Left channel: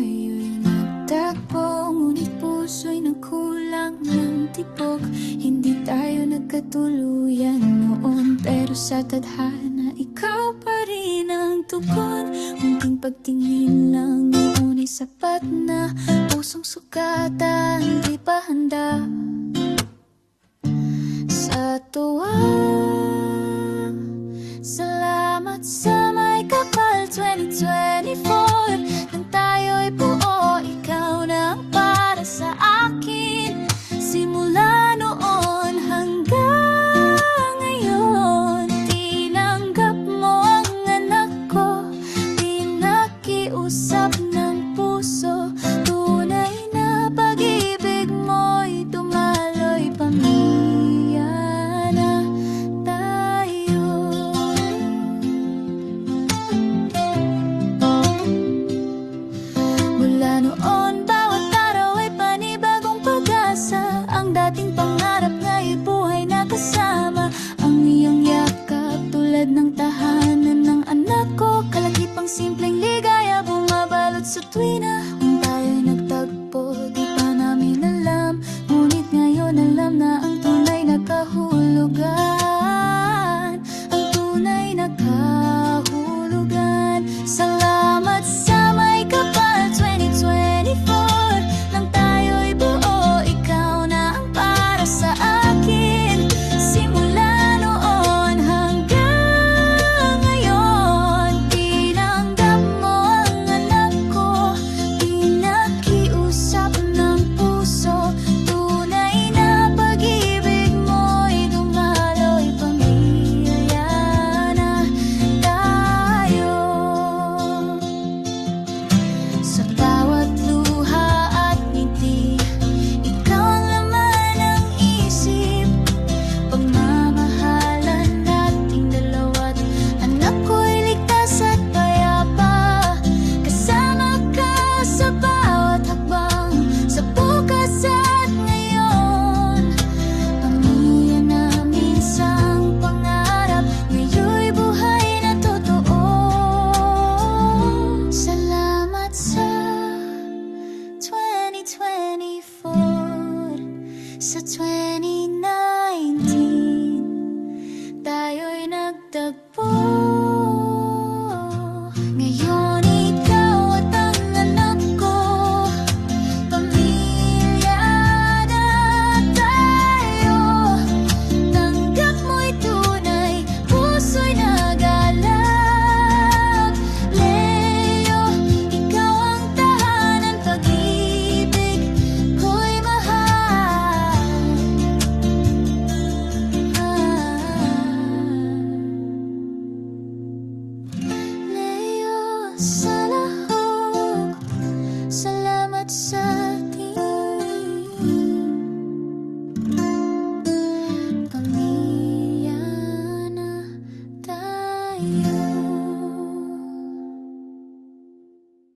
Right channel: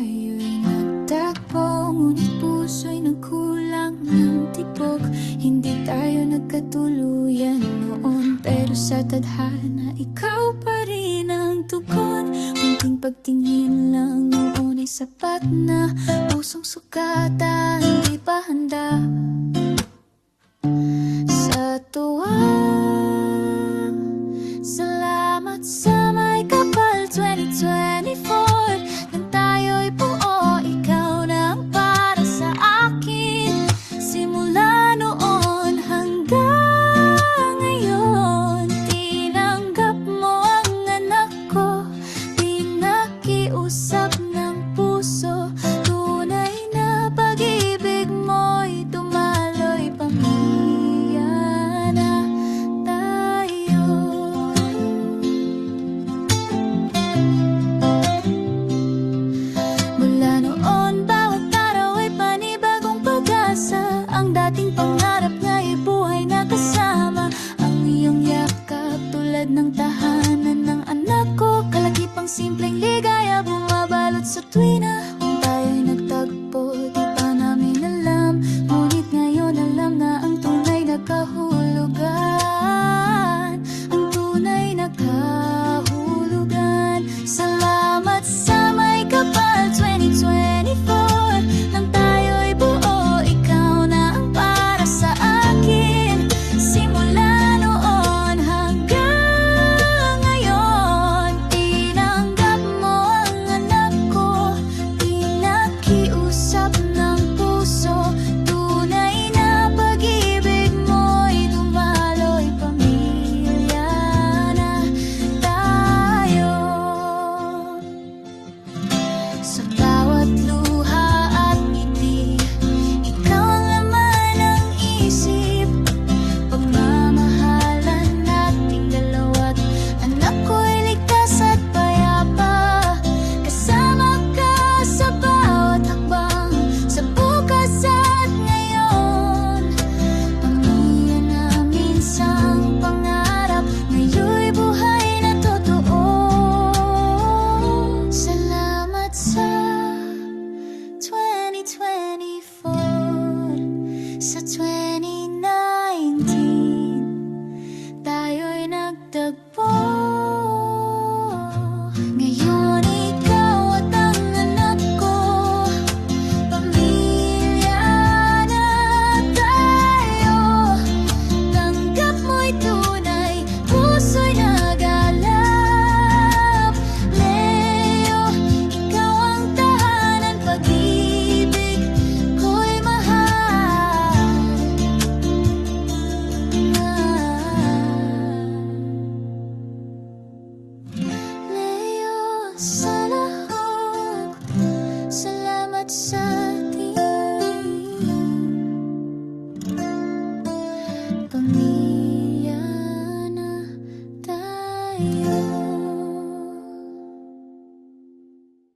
tayo'y nagtagpo, ngunit puso'y nagkulang ng tibok. Hindi tayo nagkatuluyan noon, pero sa tadhana ikaw pa rin ang tugon. Munting pagtingin lang noon ay sapat na, pusong sukatan di pa handa. Sa tuwa, salamat sa may kapal 2024. Nang tayo'y buo, ikaw na ang para sa akin. Simula noon hanggang ngayon, tinanggap mo ang anak ko. Pinakiusap ng puso, tunay na pag-ibig mo'y dumaloy. Pamilya na tayo. Mula noon, bawat araw ay panibagong pag-asa. Ang dating pangarap nga'y buhay na kasama. Ang iyong yakap tulad ng tahanan ng anak ko. Kalakipang simpleng ligaya bumabalot sa tuwina. Kung tayo'y nagtagpo, di pa namin alam. Ngunit ngayon alam na ang tunay na kahulugan. Ang tunay na kahulugan. Salamat sa may kapal 2024. Nang tayo'y buo, ikaw na ang para sa akin. Simula noon hanggang ngayon, tinanggap mo ang anak ko. Pinakiusap ng puso, tunay na pag-ibig mo'y dumaloy. Pamilya na tayo. Sa bawat luha at ngiti, ikaw ang laman ng isip. Pagmamahalan nating dalawa't anak ko'y ligtas at payapa. Kasama ka sa bawat hakbang, sa bukas at ngayon. Pamilya namin sang pangarap, ngayon'y buhay na totoo. Salamat sa 2024, sa